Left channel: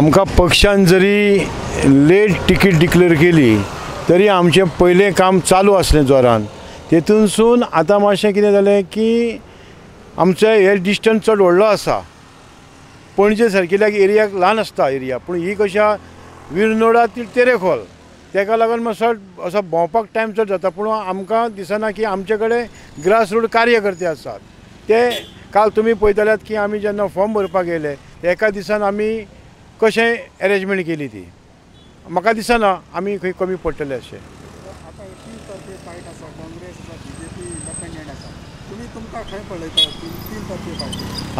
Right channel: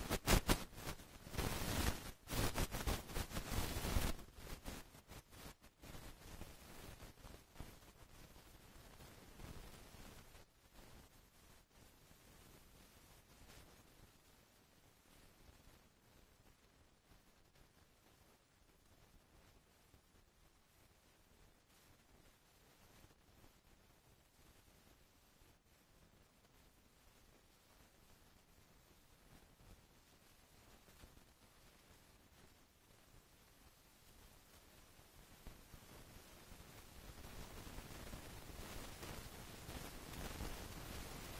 आमकां पक्षान जरी लेट टिकीट डिक्लेअर केली तरी आमचें पयलें काम चालू आसलें जोरान। तेतूनसून आतां मातशें कितें जालें की आमचो हे डिस्टन्स चड व्हडलो आसा। पणजे सारकिल्या एरियाक ल्हान आसता एरिया, पूण ही कशा विरनोडा ती तेरेखोल, तेका लागून मातसो असो भोंवपाक टायम चड जाता। पूण आमकां दिसना की आमचे कडेन ग्रास रूट कार्यकर्ते आसात। ते काल तुमी पळयतल्यात की आमी जेन्ना फॉर्म भरपाक येयले एका दिसान आमी कशें अरेंजमेंट केली ती, म्हाका दिसना आमी खंय कमी पडटले अशें।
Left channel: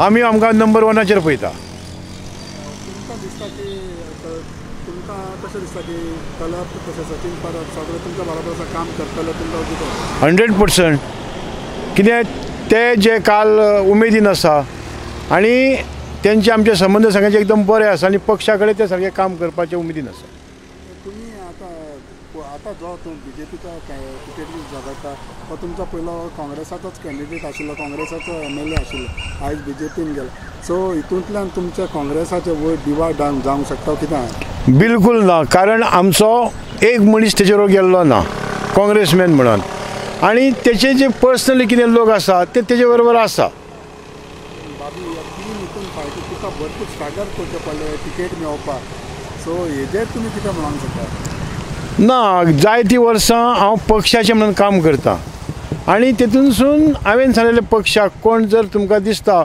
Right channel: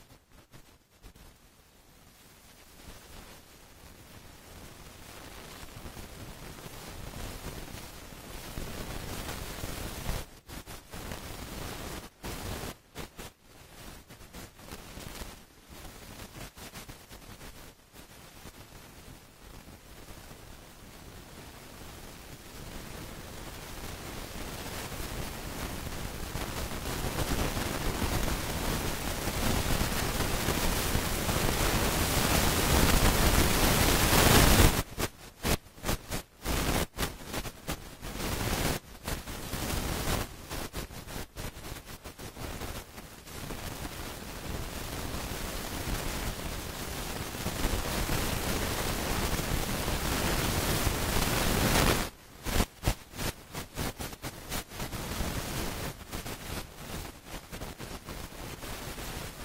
आमी आमकां नंबर वनाचेर पळयता। 100% कित्याक ते जे काल उमेदीन आसा आनी तेंचे आमचे संबंध सगळ्यांचे एकदम बरे आसा आनी पक्षा कडेन ते सारके काम करपाचे उमेदीन आसा। तुम्ही आता जो बीजेपीचा टिकेट झगडटा तो तुमचा पयलो काँग्रेसाचोच कॅन्डिडेट आशिल्लो, काँग्रेसाचो MLA आशिल्लो, आयज बीजेपीन गेलो। सो हितूंतल्यान तुमच्या काँग्रेसाचो वयर दिवाळ जावंक शकता कितें? बिलकुल ना, कारण आमचो एक मनीस तेचेर गेल्लो ना काँग्रेसमॅन म्हणून, आनी तेचे जे पर्सनली कितें लोक आसा ते तेजे बरोबर आसा। तुका भरपूर स्ट्रगल करचें पडलें टिकेट मेळोवपाक, सो हेजेर तुमी कितें म्हणूंक शकता? ना, जायतीं वर्सां हांव पक्षाचें म्हणून काम करतां आनी तेतूनसून हांवें सांगलेलें पक्षाक कोण जर तुमकां दिसता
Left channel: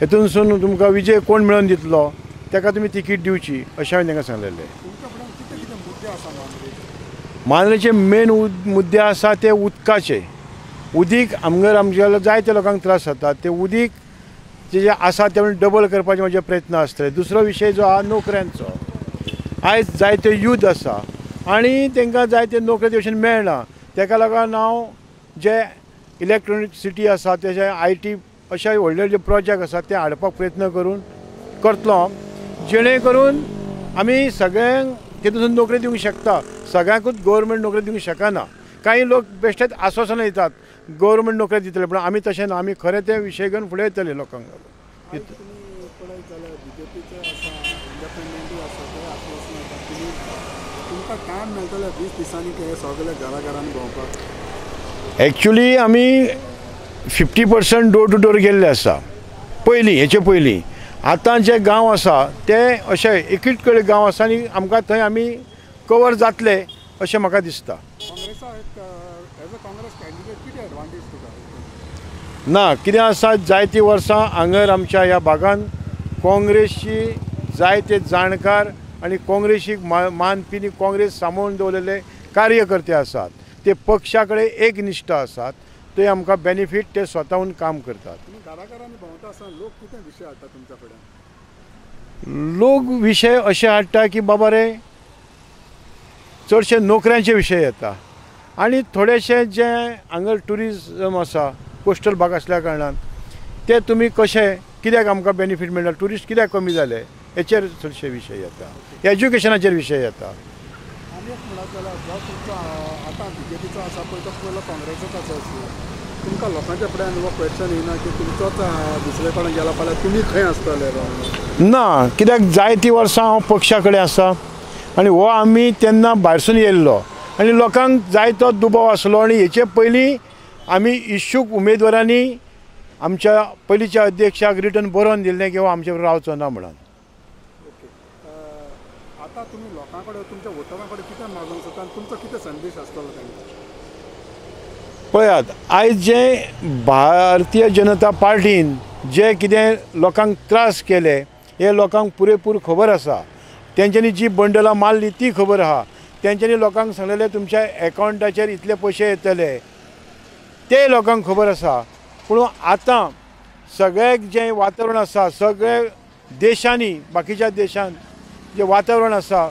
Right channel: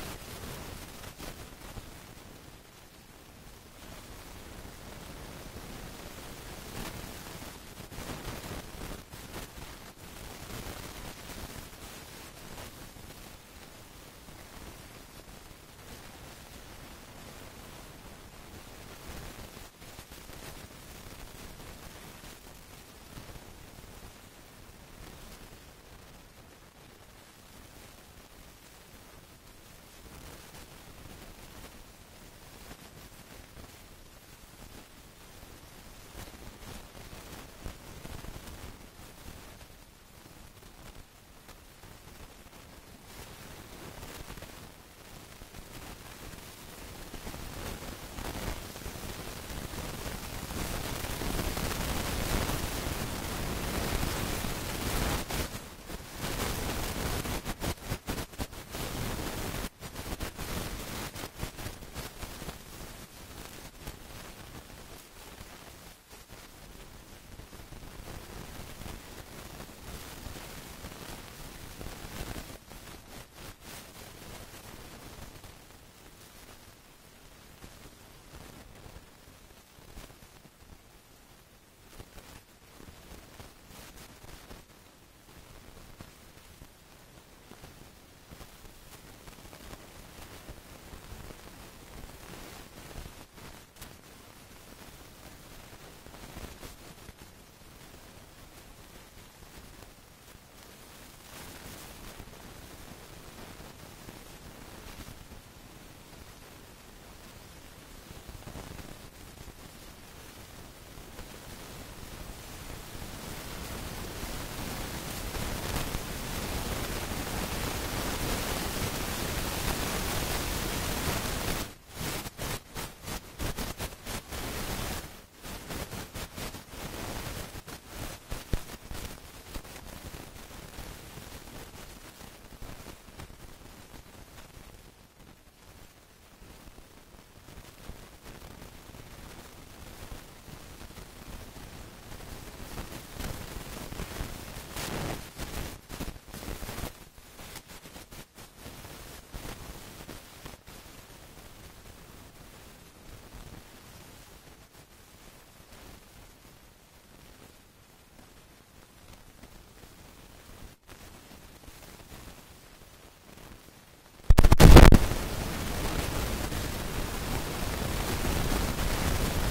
हेतूनसून तुमकां विजय कोण मेळोवन दितलो ताका तुमी तिकीट दिवची अशें हांवें तांकां सांगलेलें। मांद्रेचे मेन मुद्दे आसा ते उदकाचे। उदीक आमगेर आमच्या जायत्या लोकांक त्रास जाता, ते उदीक जे आसा ते डबल करपाचे म्हजे प्रयत्न आसतले। दुसरो विशय जो आहा नोकऱ्यांचो, आयज जायते यूथ आसा आनी तांकां जायते नोकरी भशेन मेळना, ताका लागून हांव जे इलेक्ट्रॉनिसिटी आसा तेजे IT अशे व्हडले जे प्रोजेक्ट आसा ते हाडपाक प्रयत्न करतलो, जेणे करून आमी सगळ्यांक तेतून नोकरी दिवंक शकता। सगळ्यांकूच गव्हर्मेंट नोकरी दिवंक शकना। काही लोक बेश्टेच आश्वासनां दितात गव्हर्मेंट नोकरी दितले, पूण आमी तशें ना, आमी खरें ते विशय घेवन फुडें येतले लोकांक। एक्चुली आमी 50% डोर टू डोर गेल्ले आसा पयलीं, हेचे पयलीं। आतां जे गांव आसा ते अशे एकूच कडेन गांव आसा आनी आमकां थंय आमी कवर जातले अशें म्हाका दिसता। ना, कितें आसा जायतीं वर्सां हांगर आमच्या ह्या भागांत काँग्रेसची जायते जाणकार आनी काँग्रेसीक मानपी काँग्रेस सांबाळून दवरलेले कार्यकर्ते आसात। ते पक्षा कडेन एक निश्ठ आसात, ते आमकां बेनिफीट ते स्वताहून काम करतात। लोक विशय अशे हाडटा की बाबा रे चडशे नोकऱ्यांचे विशय येता आनी थोडेशे जे हांगर ट्युरिजम आसा कोस्टल भाग आसल्या कारणान ते तुमी कशे कित्याक आमकां बेनिफीट मेळना, ट्युरिस्ट कित्याक कमी जाले हेचेर चडशे विशय येता, एज्युकेशनाचेर विशय येता। तुमकां लोकांच्या फुड्यान हो क्वेश्चन येना की तुमचोच दुसरे कडेन गेला फाल्यां तुमी खंय आसतले? ना, कित्याक जायतीं वर्सां हांव पक्षा कडेन आसा आनी हो आमी तेन्ना भायरसून येयल्लो आनी लोकांक जायतो दुबाव आसलो आनी हेचे पयलीं आमी इच्छूक उमेदवारांनी आमच्या पयलींच्या अध्यक्षाक रिटर्न बरोवन दिल्लें की हो आमचे बरोबर रावचो ना म्हणून। आतां तुमी लोकां कडेन तुमच्या वोटरां कडेन कितें मागूंक सोदता आनी तुमचो कितें संदेश आसतलो? पळयात, आयज जे भारतीय जनता पार्टीन जे कितें लोकांक त्रास केले हे लोकांक पुरेपूर खबर आसा। तेंच्यांनी जी बंडलां मारली ती खबर आहा। तेंच्यांनी लोकांक सांगलेले तुमच्या एकावंटाचेर इतले पयशे येतले ते लोकांक खबर आसा। पूण आतां सगळें जें वातावरण आसा सगळे देशांनी बाकीच्या देशांत जें वातावरण आसा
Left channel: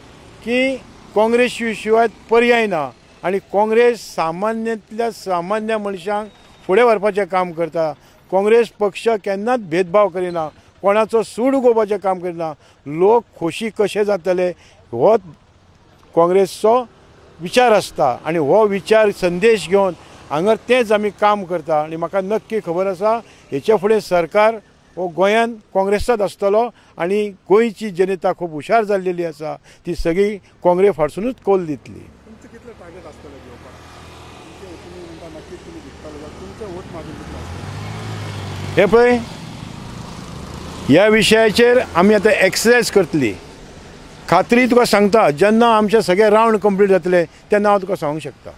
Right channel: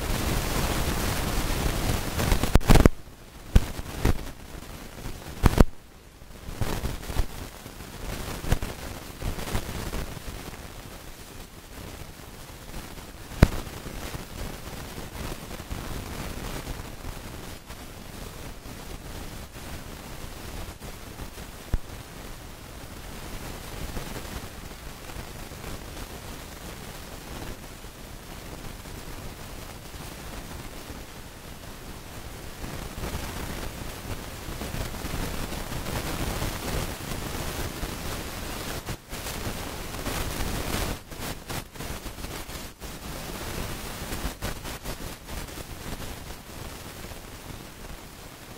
की काँग्रेस शिवाय पर्याय ना आनी काँग्रेस सामान्यांतल्या सामान्य मनशांक फुडें व्हरपाचें काम करता। काँग्रेस पक्ष केन्नाच भेदभाव करिना, कोणाचो सूड उगोवपाचें काम करिना। लोक खोशी कशे जातले हो काँग्रेसचो विचार आसता आनी हो विचार संदेश घेवन हांगर तेंच आमी काम करता आनी म्हाका नक्की खबर आसा हेचे फुडें सरकार हो गोंयांत काँग्रेसचाच आसतलो आनी गोंयची जनता खूब हुशार जाल्लेली आसा ती सगळी काँग्रेस फाटसूनच कौल दितली. हे पळय ह्या विशयाचेर आमी आतां एक्सरसायज करतली. खात्री तुका सांगता जेन्ना आमचे सगळे रावंड कंप्लीट जातले तेन्ना हांव तुका सांगूंक शकता.